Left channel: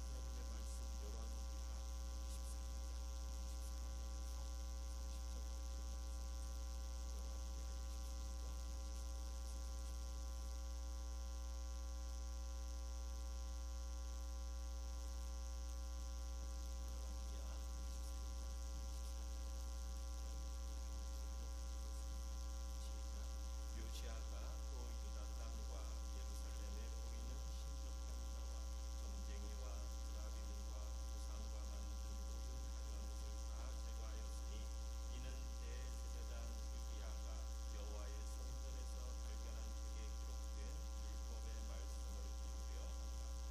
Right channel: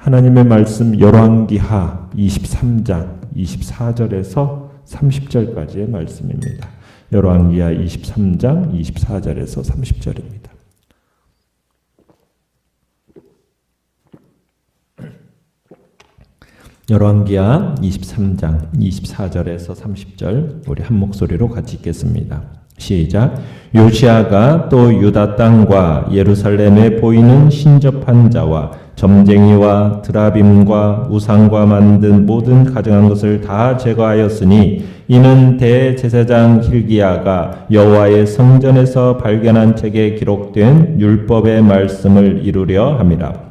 하나님의 말씀 열왕기하 23장 24절에서 30절까지의 말씀입니다. 열왕기하 23장 24절에서 30절입니다. 열왕기하 23장 24절에서 30절 우리 한 목소리로 같이 읽겠습니다. 시작. 요시야가 또 유다 땅과 예루살렘에 보이는 신접한 자와 점쟁이와 드라빔과 우상과 만든 모든 가증한 것을 다 제거하였으니 이는 대제사장 hil기야가 여호와의 성전에서 발견한 책에 기록된 율법의 말씀을 이루려 함이라.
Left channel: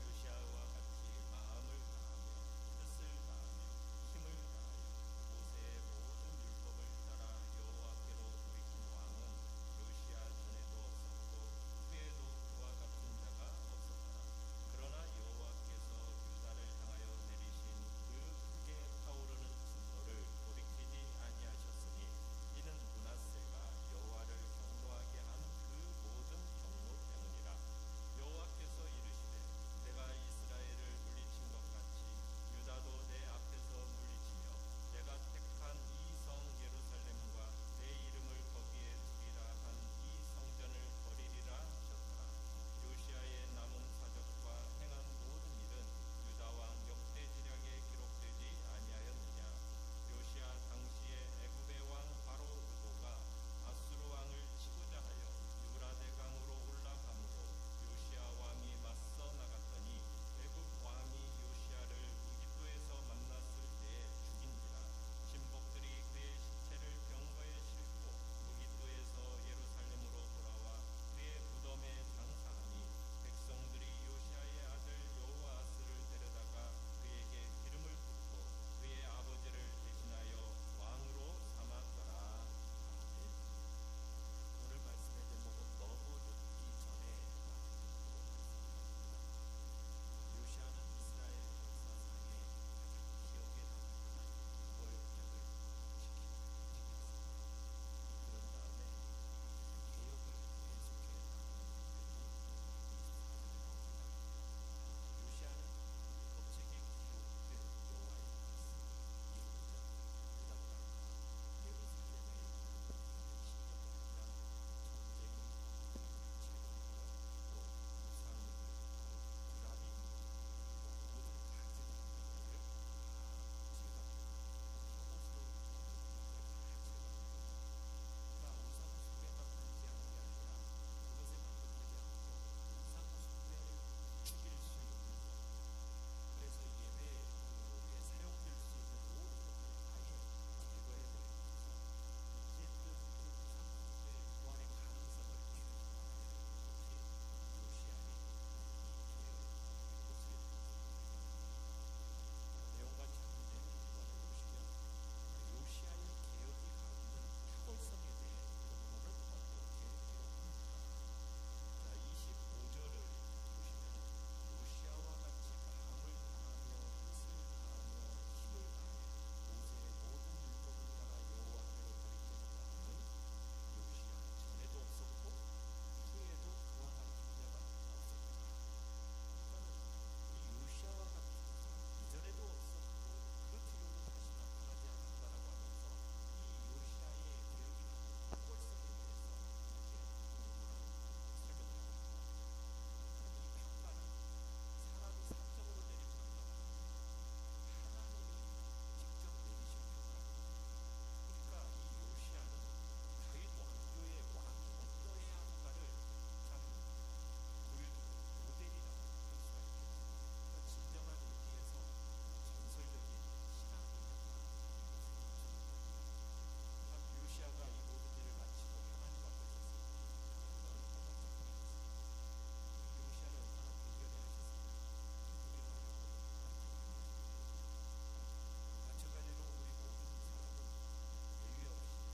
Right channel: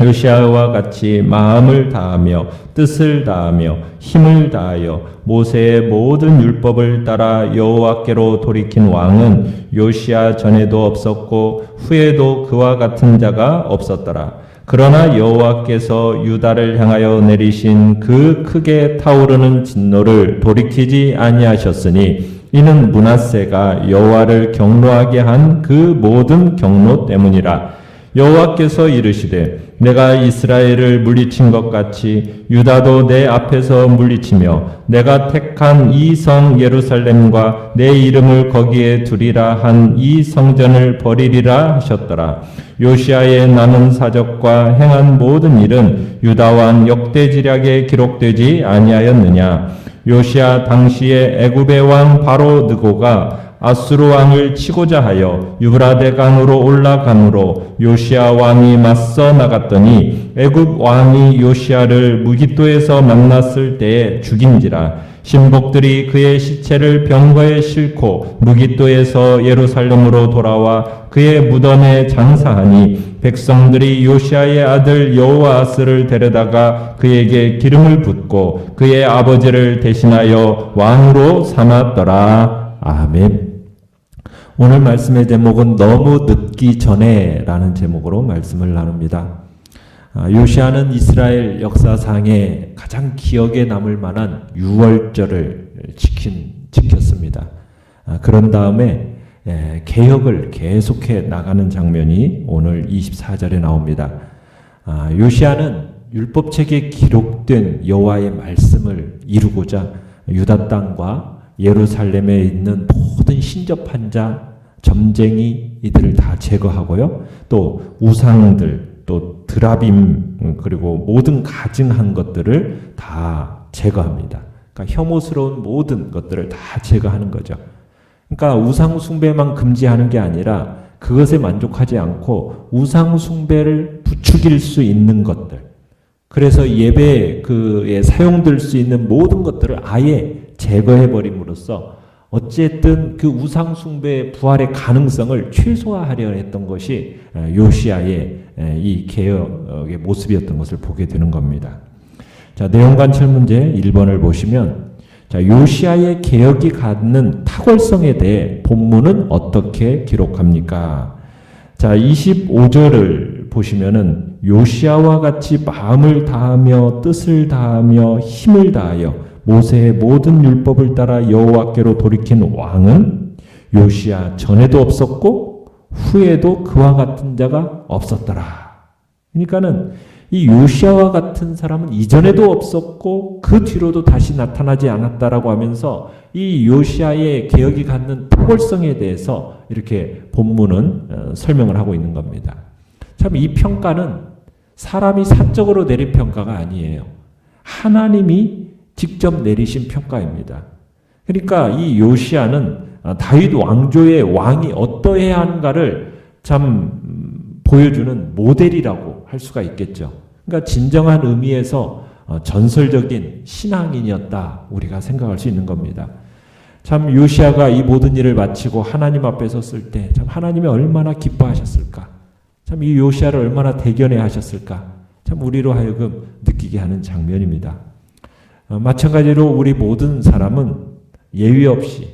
요시야와 같이 마음을 다하며 뜻을 다하며 힘을 다하여 모세의 모든 율법을 따라 여호와께로 돌이킨 왕은 요시야 전에도 없었고 후에도 그와 같은 자가 없었더라. 그러나 여호와께서 유다를 향하여 내리신 그 크게 타오르는 진노를 돌이키지 아니하셨으니 이는 므낫세가 여호와를 경노하게 한 그 모든 경노 때문이라. 여호와께서 이르시되 내가 이스라엘을 물리친 것 같이 유다도 내 앞에서 물리치며 내가 택한 이 성 예루살렘과 내 이름을 거기에 두리라 한 이 성전을 버리리라 하셨더라. 요시야의 남은 사적과 행한 모든 일은 유다 왕 역대지략에 기록되지 아니하였느냐. 요시야 당시에 애굽의 왕 바로 느고가 아수르 왕을 치고자 하여 유브라데 강으로 올라가므로 요시야 왕이 맞서 나갔더니 애굽 왕이 요시야를 무깃도에서 만났을 때에 죽인지라. 신복들이 그의 시체를 병거에 싣고 무깃도에서 예루살렘으로 돌아와 그의 무덤에 장사하니 백성들이 요시야의 아들 여호아스를 데려다가 그에게 기름을 붓고 그의 아버지를 대신하여 왕으로 삼았더라. 아멘. 오늘 말씀의 제목은 너무 늦기 전에 라는 제목으로 말씀을 나눕니다. 요시야는 이스라엘 역사상에 가장 기억에 남을 만한 유월절을 지켰습니다. 그런 다음에 개혁을 계속해 나가는 장면이 오늘 24절에 나옵니다. 요시야는 율법책에 기록된 여호와의 말씀을 이루고자 유다 땅과 예루살렘에 있는 모든 신접한 자, 점쟁이 이들을 다 제거하고요. 또 우상들, 또 드라빔 그리고 모든 가증한 것들을 다 제거합니다. 그러니까 혐오스러운 모든 것들을 다 제거하는 거죠. 그러니까 우상 숭배만 금지하는 게 아니라 그것에 만족하지 않고 우상 숭배를 부추길 수 있는 것들, 그래서 예배에 사용될 수 있는 모든 것들을 아예 제거해버림으로써 어쨌든 그 우상 숭배의 부활의 가능성을 최소화하려 했던 것이 요시야의 이 개혁의 모습이었던 것을 보게 되는 겁니다. 자, 내용 관찰 문제 1번을 보시면, 자, 요시야의 개혁이 갖는 탁월성에 대해 본문은 어떻게 기록합니까? 자, 25절을 보시면은 요시야와 같이 마음을 다하며 뜻을 다하며 힘을 다하여 모세의 모든 율법을 따라 여호와께로 돌이킨 왕은 요시야 전에도 없었고 후에도 그와 같은 자가 없었더라. 그러니까는 이 요시야와 같은 사람은 이전에도 없었고 그 뒤로도 다시 나타나지 않았다라고 하면서 이 요시야의 개혁이 갖는 탁월성에 대해서 이렇게 본문은 설명을 하고 있는 겁니다. 참 이 평가는 사람이 사적으로 내린 평가가 아니에요. 하나님이 직접 내리신 평가입니다. 그러니까 이 요시야는 다윗 왕조의 왕이 어떠해야 하는가를 참 보여주는 모델이라고 할 수가 있겠죠. 그러니까 진정한 의미에서 전설적인 신앙인이었다 우리가 생각할 수 있는 겁니다. 참 요시야가 이 모든 일을 마치고 하나님 앞에 섰을 때 참 하나님이 얼마나 기뻐하셨을까, 참 이 요시야를 얼마나 대견해 하셨을까, 참 우리로 하여금 느끼게 하는 장면입니다. 마찬가지로 우리 모든 사람은 예외 없이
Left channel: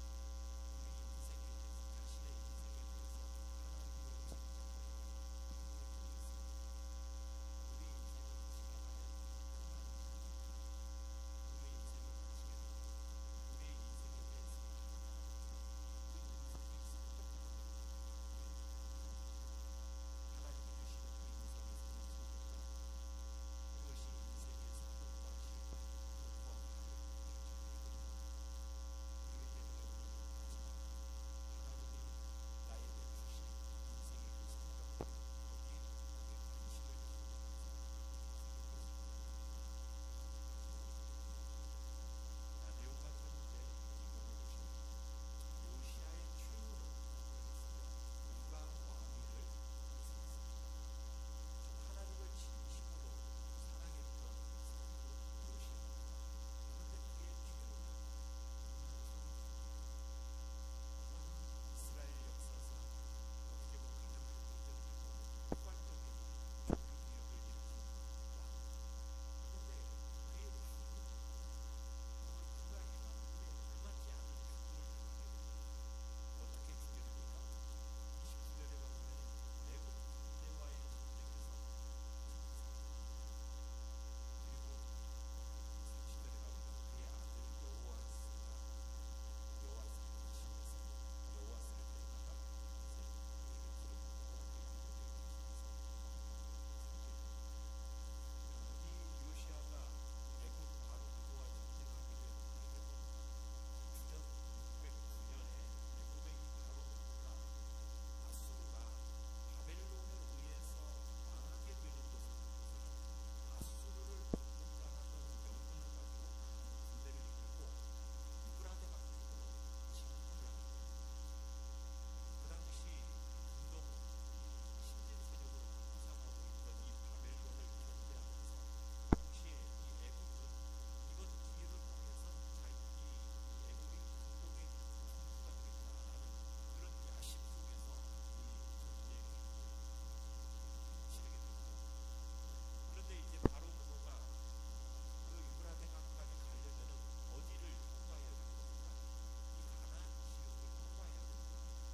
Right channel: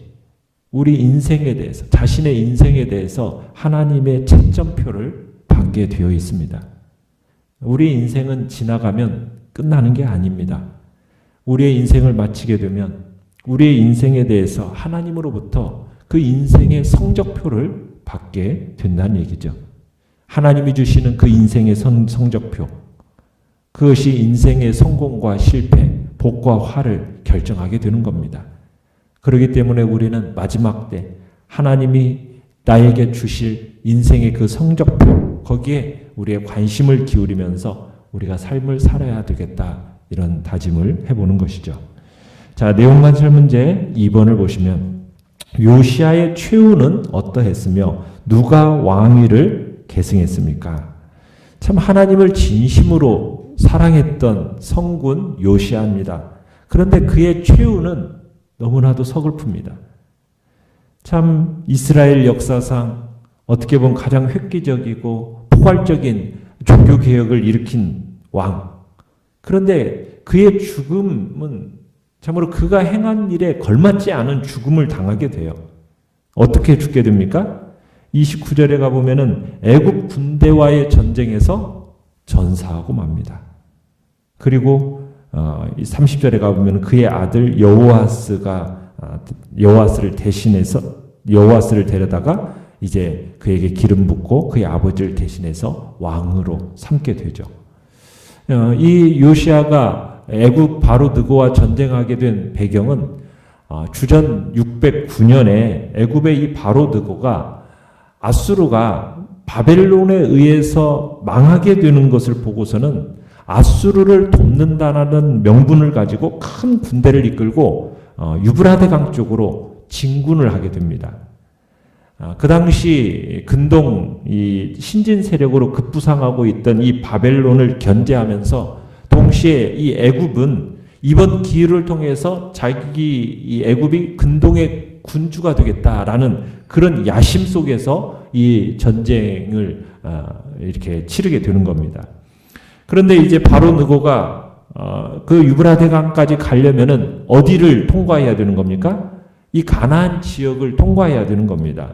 우리 인생에 대해서, 자신의 인생에 대해서 하나님의 채점표를 받게 되어 있습니다. 우리 인생은 지나가면 끝나는 게 아닙니다. 우리의 인생을 마치게 되면 우리의 인생에 대해서 하나님으로부터 그 인생의 성적표를 받게 된다는 얘기죠. 하나님이 주시는 그 인생의 성적표, 그것이 인생의 성공과 실패, 복과 화를 결정하게 되는 겁니다. 그렇기 때문에 우리는 마지막 때 하나님이 나에게 주실 인생의 그 성적표, 거기에 우리의 관심을 기울이면서 우리가 삶을 살아야 되겠다, 이런 다짐을 해보는 것이죠. 자, 내용만 설문제 2번을 보시면 요시야의 최후는 어떠했으며 누가 왕위를 계승했습니까? 참 하나님을 진심으로 사랑했던 성군 요시야입니다. 그런데 그의 최후는 너무나도 서글픕니다. 참 이스라엘 역사상 어떻게 보면 가장 획기적이고 포괄적인 종교개혁을 일으킨 왕. 그런데 그의 죽음은 참으로 그가 행한 일에 걸맞지 않은 죽음을 당하게 돼요. 어떻게 죽게 됩니까? 29절에 가보면은 애굽 군대와의 전쟁에서 전사하고 맙니다. 그리고 30절에 가보면 그의 아들 여호아스를 데려다가 이제 그에게 기름 붓고 그의 아버지를 대신해서 왕으로 삼게 되죠. 이 요시야가 애굽 바로 느고와 전쟁하게 된 배경은 주전 609년에 애굽의 이 바로 느고가 아수르가 바벨론에 의해서 망하게 되는 것을 보고서는 아수르를 돕는다는 명분을 가지고 큰 군대를 이끌고 유브라데 강 쪽으로 진군을 하게 됩니다. 그 당시 근동 이 신진 세력으로 급부상하고 있던 이 바벨론을 견제하면서 동시에 이 애굽은 이번 기회를 통해서 이 애굽이 근동의 군주가 되겠다라는 그런 야심 속에서 이 전쟁을 이렇게 치르게 되는 겁니다. 그런데 이제 바로 느고가 그 유브라데 강까지 가려면은 어디를 통과해야 되는 겁니까? 이 가나안 지역을 통과해야 되는 겁니다.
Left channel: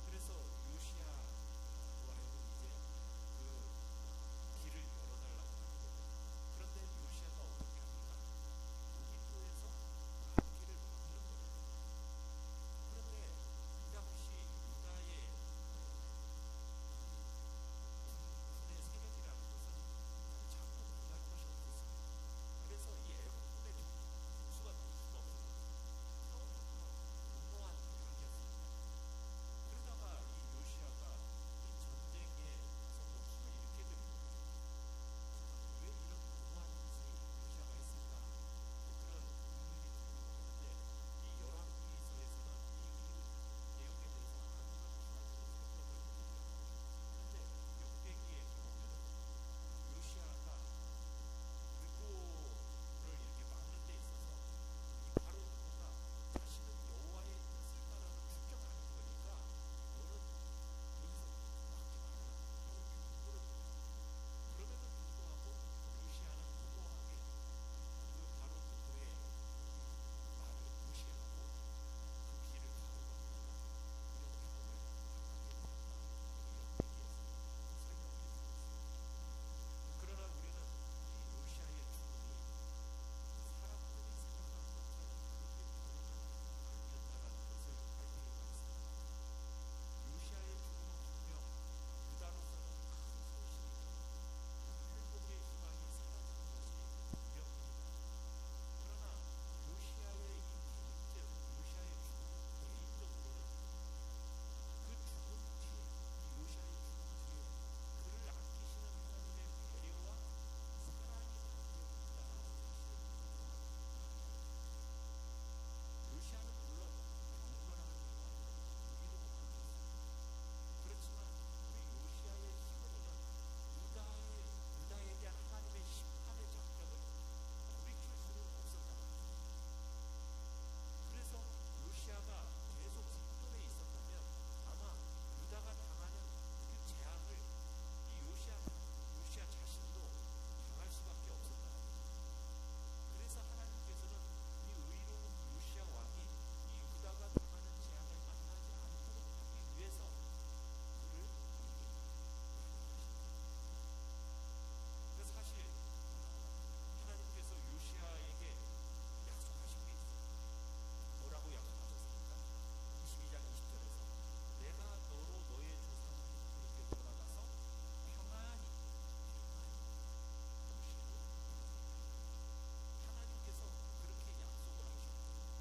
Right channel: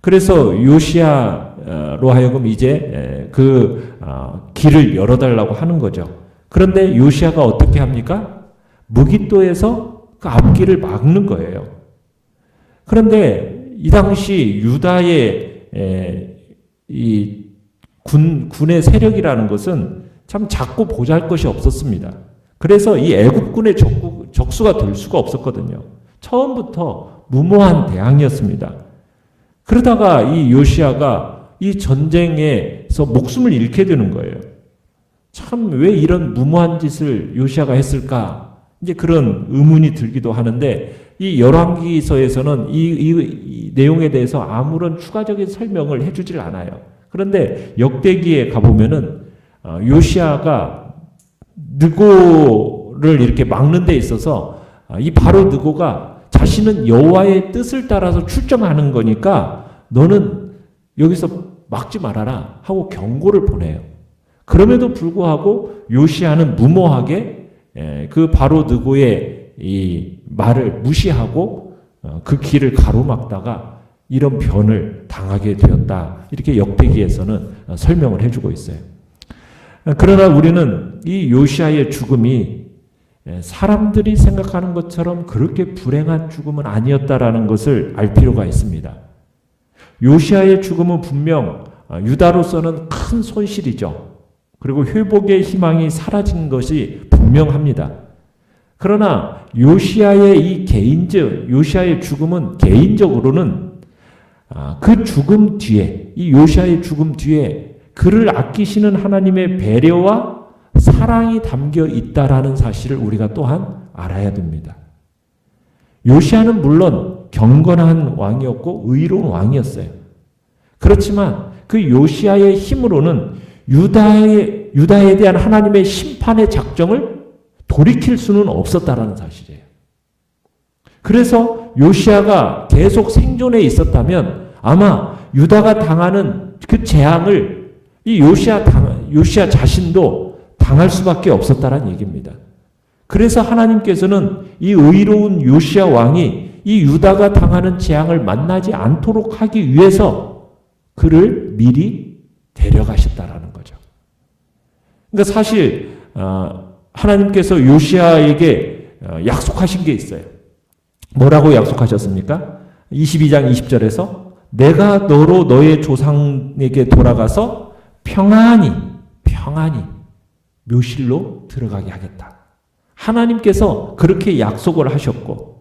그래서 요시야로 하여금 이제 그 길을 열어달라고 하는 거죠. 그런데 요시야가 어떻게 합니까? 무깃도에서 그 앞길을 막는 거예요. 그런데 이 당시 유다의 이 군의 세력이라는 것은 참 작고 보잘것이 없었습니다. 그래서 이 애굽군의 적수가 될 수가 없었거든요. 처음부터 무모한 대항이었습니다. 그러다가 이 요시야가 이 전쟁에서 목숨을 잃게 되는 거예요. 참 왜 이런 무모한 짓을 요시야가 했을까? 이제 그런 의문이 들기도 하는데 이 열왕기서에서는 이 내용에 대해서 아무런 추가적인 설명을 해주질 않아요. 그런데 역대기에 가보면은 요시야가 느고를 이렇게 막는 데 있어서 이 바로 느고가 자신은 여호와의 뜻을 따라서 출정하는 거니까 너는 여기서 막지 말아라 하고 경고를 보내요. 그럼에도 불구하고 요시야는 무모하게 그 바로 느고의 이 말을 무시하고 그 길을 가로막다가 이런 변을 당하게 되었다. 이렇게 역대기에서는 설명을 해주고 있어요. 그러나 우리는 이 요시야의 죽음이 사람들이 생각하는 것처럼 그렇게 불행한 죽음은 아니었다라는 것을 알 필요가 있습니다. 요시야의 죽음은 분명 유다로서는 큰 손실이죠. 그리고 회복의 희망이 사라진 것이 분명합니다. 그러나 요시야의 요시야의 죽음은 개인적으로는 그 죽음 뒤에, 이 요시야의 죽음 뒤에 그를 아끼시는 하나님의 배려와 사랑이 담겨 있다라는 사실을 우리가 또한 알아야 됩니다. 요시야는 물론 경건한 왕이었고 의로운 왕이었어요. 그렇지만 그 요시야의 힘으로는 유다에 대한 하나님의 심판의 작정을 돌이킬 수는 없었다라는 사실이에요. 그래서 요시야가 계속 생존해 있었다면 아마 유다가 당하는 그 재앙을 이 요시야 자신도 당할 수밖에 없었다라는 얘기입니다. 그래서 하나님께서는 이 의로운 요시야 왕이 이 유다가 당하는 재앙을 만나지 않도록 하기 위해서 그를 미리 데려가셨다라는 거죠. 그러니까 사실 하나님께서 요시야에게 약속하신 게 있어요. 뭐라고 약속하셨습니까? 22장 20절에서 내가 너로 너의 조상에게 돌아가서 평안히 묘실로 들어가게 하겠다. 하나님께서 그렇게 약속을 하셨고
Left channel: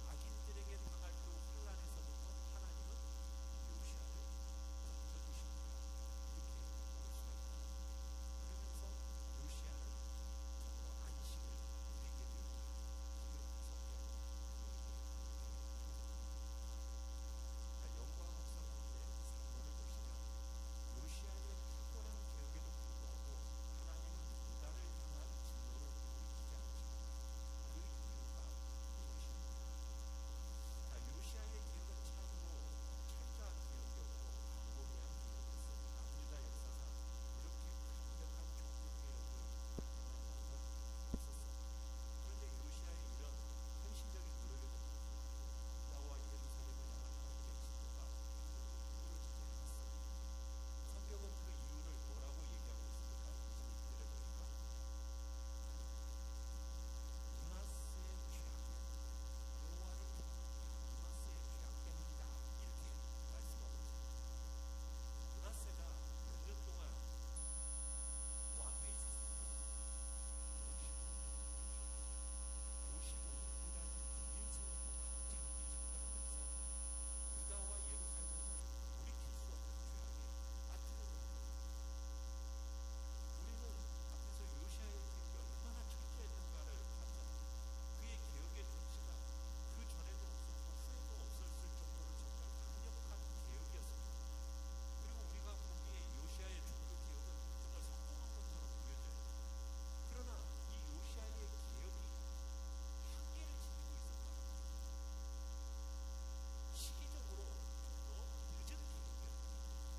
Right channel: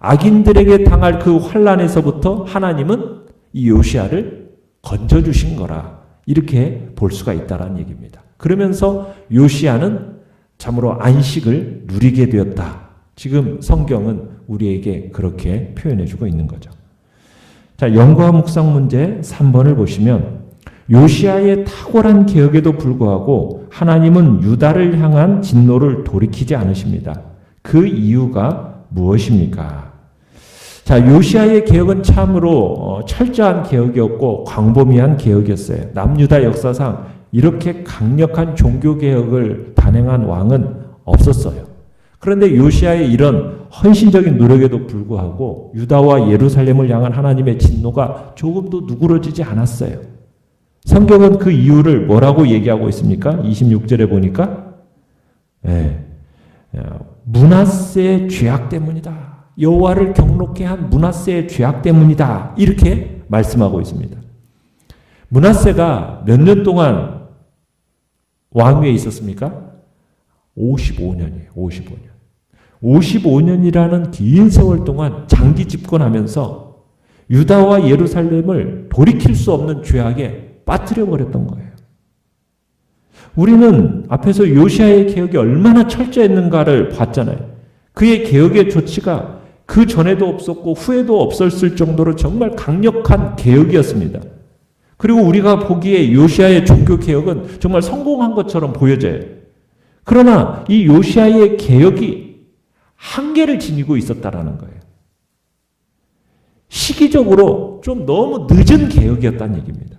악인들에게 당할 그 환난에서부터 하나님은 이 요시야를 건져주신 거라. 이렇게 볼 수가 있다는 얘기입니다. 그러면서 요시야는 참으로 안식을 누리게 되었다. 지금 성경은 우리에게 그렇게 표현해주고 있는 거죠. 자, 연구와 묵상 문제 3번을 보시면 요시야의 탁월한 개혁에도 불구하고 하나님은 유다를 향한 진노를 돌이키지 않으십니다. 그 이유가 무엇입니까? 자, 요시야의 개혁은 참으로 철저한 개혁이었고 광범위한 개혁이었어요. 남유다 역사상 이렇게 강력한 종교개혁을 단행한 왕은 없었어요. 그런데 요시야의 이런 헌신적인 노력에도 불구하고 유다와 예루살렘을 향한 하나님의 진노가 조금도 누그러지지 않았어요. 성경은 그 이유를 뭐라고 얘기하고 있습니까? 26절에 보니까 므낫세의 죄악 때문이다. 여호와를 경록케 한 므낫세의 죄악 때문이다. 이렇게 말씀하고 있습니다. 므낫세가 몇 년 동안 왕위에 있었습니까? 55년이에요. 55년. 55년이라는 긴 세월 동안 장기 집권하면서 유다와 예루살렘을 돌이킬 수 없는 죄악에 빠뜨려 버렸던 거예요. 우리는 앞에서 요시야의 개혁이 얼마나 철저했는가를 봤잖아요. 그의 개혁의 조치가 그 전에도 없었고 후에도 없었을 정도로 정말 강력한 개혁이었습니다. 그리고 우리가 보기에 요시야의 종교개혁은 정말 성공한 것처럼 보여져요. 그러나 이 요시야의 개혁이 한계를 지니고 있었다라는 거예요. 시기적으로 좀 너무 늦은 개혁이었다는 얘기입니다.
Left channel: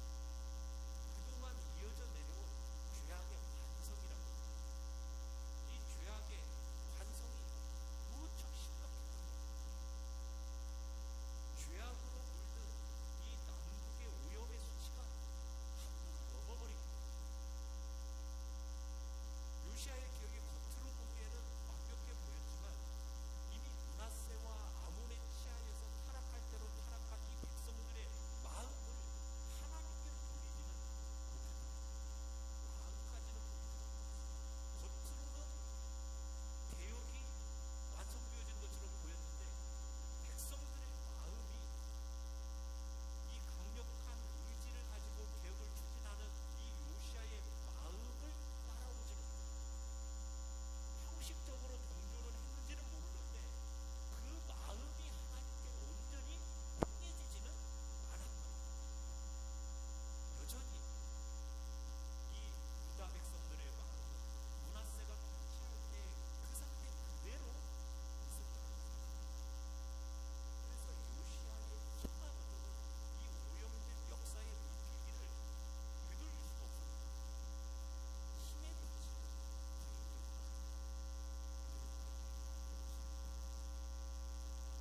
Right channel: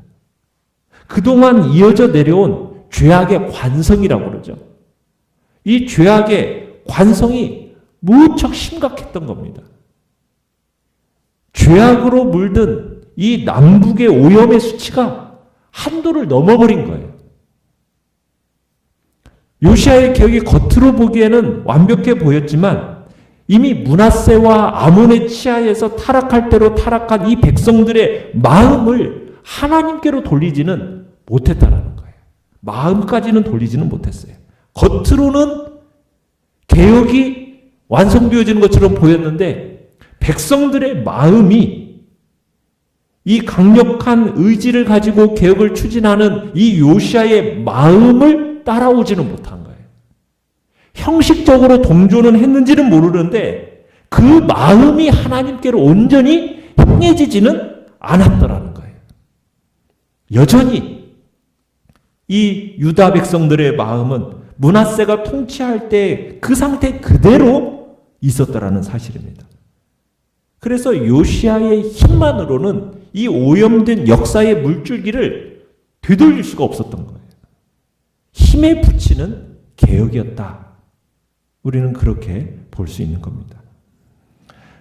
그동안 이어져 내려온 죄악의 관성이라고 그러죠. 이 죄악의 관성이 무척 심각했던 겁니다. 죄악으로 물든 이 남북의 오염의 수치가 한도를 넘어버린 거예요. 요시야의 개혁이 겉으로 보기에는 완벽해 보였지만 이미 므낫세와 아몬의 치하에서 타락할 대로 타락한 이 백성들의 마음을 하나님께로 돌리지는 못했다라는 거예요. 마음까지는 돌리지는 못했어요. 겉으로는 개혁이 완성되어지는 것처럼 보였는데 백성들의 마음이 이 강력한 의지를 가지고 개혁을 추진하는 이 요시야의 마음을 따라오지는 못한 거예요. 형식적으로 동조는 했는지는 모르는데 그 마음이 하나님께로 온전히 향해지지는 않았더라는 거예요. 여전히 이 유다 백성들의 마음은 므낫세가 통치할 때 그 상태 그대로 있었더라는 사실입니다. 그래서 요시야의 힘만으로는 이 오염된 역사의 물줄기를 되돌릴 수가 없었던 거예요. 힘에 붙이는 개혁이었다. 우리는 그렇게 볼 수 있는 겁니다.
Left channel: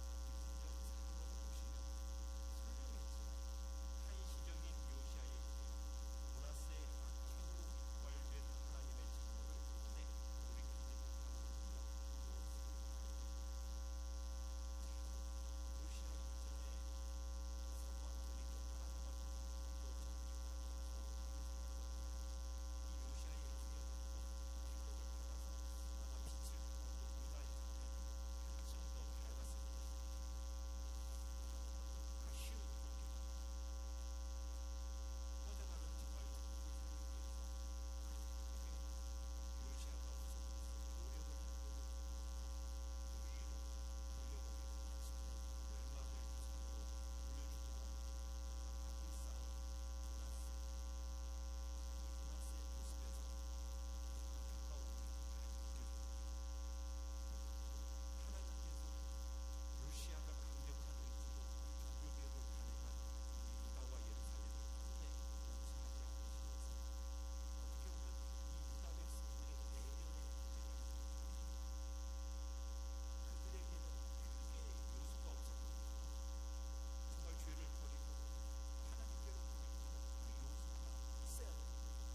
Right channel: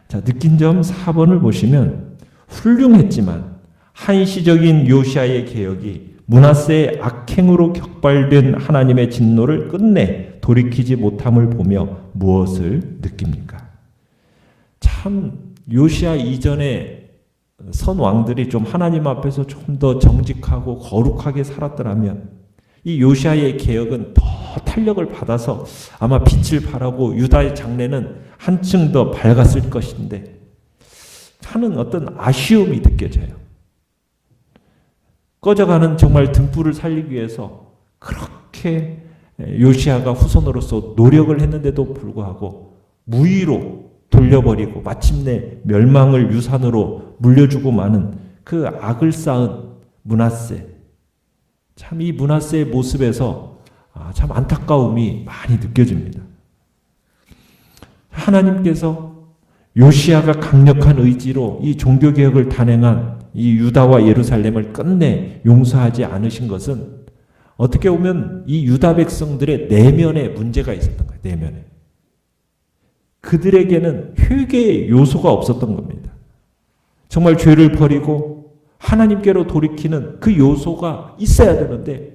자, 느낀 점 4번을 보시면 훌륭했지만 한시적인 요시야의 개혁이 므낫세의 악행으로 격발된 하나님의 진노를 끝내 돌이키지 못함을 보며 무엇을 느낍니까? 참 요시야 이전에 선 왕들이 좀 하나님 앞에서 좀 더 정직하고 거룩하게 살았더라면 이 요시야의 개혁은 더 탄력을 받아서 아마 빛을 발하고 유다의 장래는 한층 더 밝았을 것인데 하는 어떤 아쉬움이 느껴져요. 꺼져가는 정말 등불을 살리기 위해서 그렇게 요시야가 후손으로서 노력을 했는데도 불구하고 무의로 돌려버리고 마침내 멸망을 유산으로 물려주고 마는 그 악을 쌓은 므낫세. 참 이 므낫세의 모습에서 참 안타까움이 많이 느껴집니다. 하나님께서 요시야가 강력한 의지로 이 종교개혁을 단행한 이 유다와 예루살렘을 끝내 용서하지 않으신 것은 어떻게 보면 이 유다 백성들의 내면에 문제가 있었던 거예요. 내면에. 그들에게는 회개의 요소가 없었던 겁니다. 정말 죄를 버리고 하나님께로 돌이키는 그 요소가 있어야 되는데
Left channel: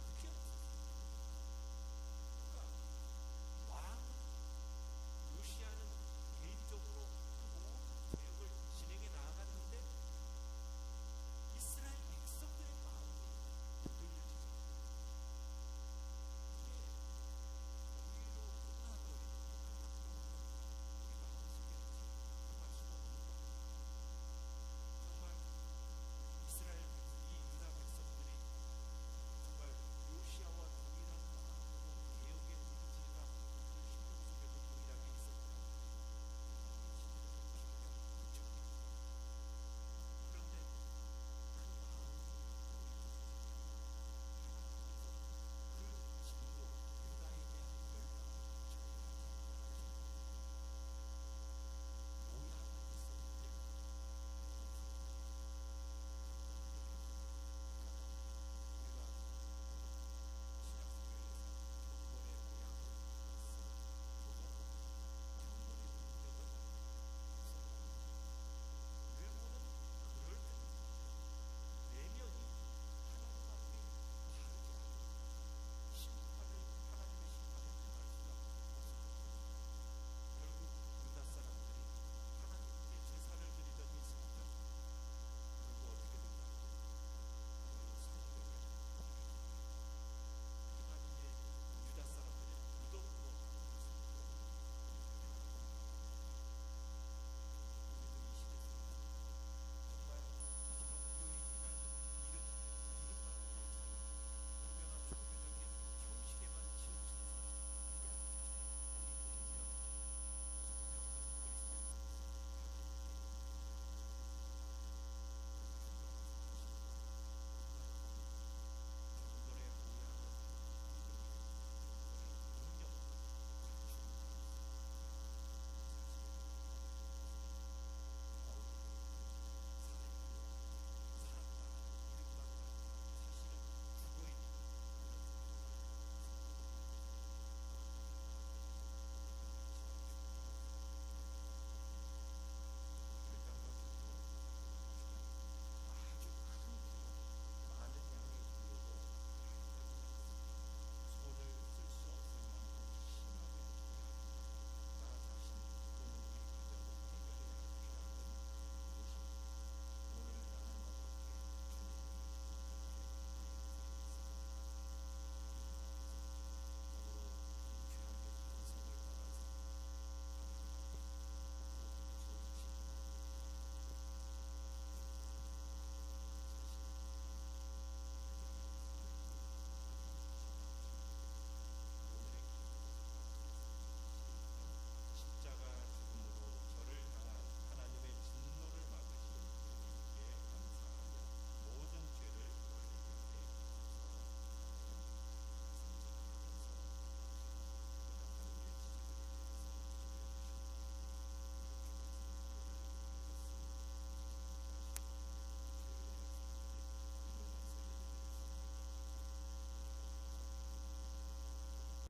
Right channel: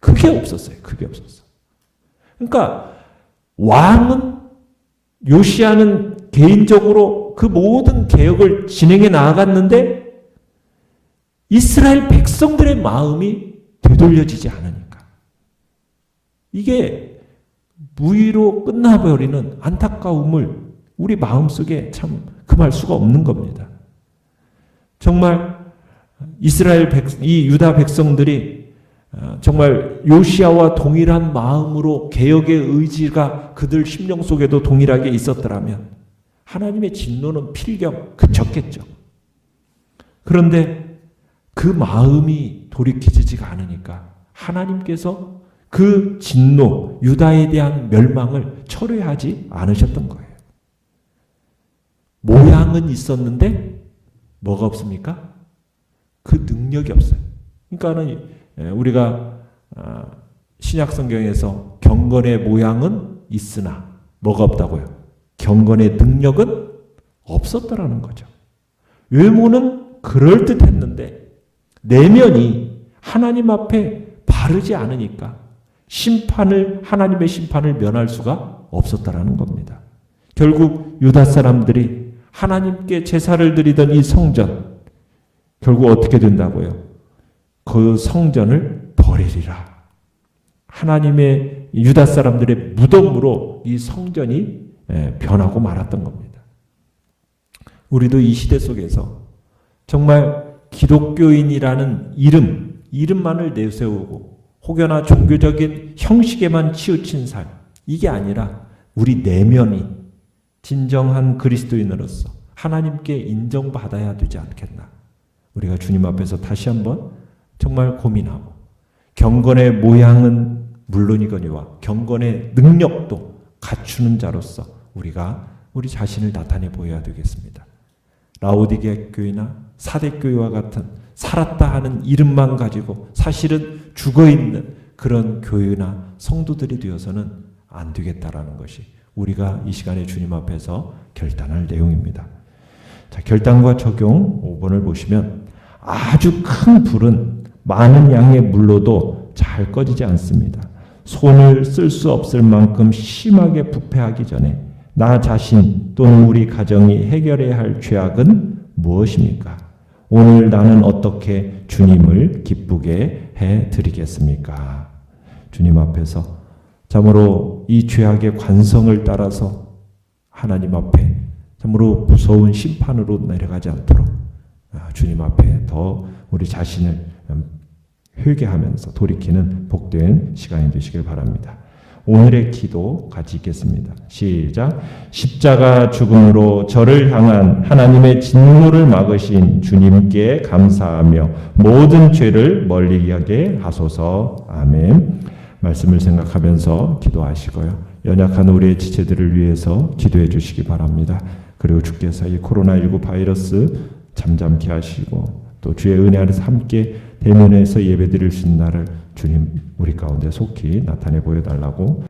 그게 없었어요. 그게 없었어요. 그러니까 왕은 요시야는 개인적으로 그 모든 개혁을 진행해 나아갔는데 이스라엘 백성들의 마음이 되돌려지지 않으니까 이게 무의로 끝나버리는 안타까움을 우리 마음속에 참 금할 수가 없는 겁니다. 정말 이 유다 백성들이 정말 요시야와 동일한 마음으로 개혁의 의지가 그들 심령 속에도 동일하게 있었더라면 하나님의 진노는 필경 그쳤겠죠. 그런데 그 마음이 돌이켜지지가 않으니까 하나님께서 그 진노, 유다에 대한 멸망을 철회하지 않으셨던 거예요. 모양은 있었는데 뭐가 없습니까? 그 능력이 없어요. 그러니까는 우리가 신약 성경에서 경건의 모양은 있으나 뭐가 없다고요? 경건의 능력은 없었더라는 거죠. 외모는 그럴듯했는데 내면이 하나님 앞에 바르지 않으니까 하나님의 심판을 면할 수가 없었다라는 겁니다. 결국 유다 사람들이 하나님께 제사를 드리던 이 성전, 결국 어떻게 된다고요? 그 성전을 버리리라. 하나님의 유다 사람들의 무덤으로 이 성전이 변하고 말았던 겁니다. 우리도 이 시대 속에서 정말 기독교인이라는 이름만을 내세우고 혹여나 종교적인 형식에만 치우친 삶, 이게 아니라 우리 내면이 진정한 그리스도인으로서 하나님께 인정받아야 되지 않겠나. 우리가 주님 앞에서 다시 한번 정말 고민하고 경건의 모양은 물론이거니와 경건의 능력도 갖추는 자로서 우리가 우리 자신을 나타내 보여야 되겠습니다. 라오디게 교회나 사대교회와 같은 살았다 하는 이름만 가지고 사실은 죽어있는 그런 교회나 성도들이 되어서는 안 되겠다라는 것이 우리가 이 시간에 주님 앞에서 결단할 내용입니다. 자, 결단과 적용 5번을 보시면 아주 큰 불은 많은 양의 물로도 잘 꺼지지 않습니다. 손을 쓸 수 없을 만큼 심하게 부패하기 전에 나 자신 또는 우리 가정이 해결해야 할 죄악은 무엇입니까? 오늘 나는 어떻게 주님을 기쁘게 해드리겠습니까? 주님 앞에서 참으로 이 죄악의 관성을 따라서 하나님 앞에 참으로 무서운 심판으로 내려가지 않도록 주님 앞에 더 우리 자신을 회개하면서 돌이키는 복된 시간이 되시길 바랍니다. 오늘의 기도 같이 읽겠습니다. 시작. 십자가 죽음으로 저를 향한 하나님의 진노를 막으신 주님께 감사하며 모든 죄를 멀리하게 하소서. 아멘. 말씀을 생각하면서 기도하시고요. 연약한 우리의 지체들을 위해서 기도해 주시기 바랍니다. 그리고 주께서 이 코로나19 바이러스 잠잠케 하시고 또 주의 은혜 안에서 함께 대면해서 예배드릴 수 있는 날을 주님 우리 가운데 속히 나타내 보여달라고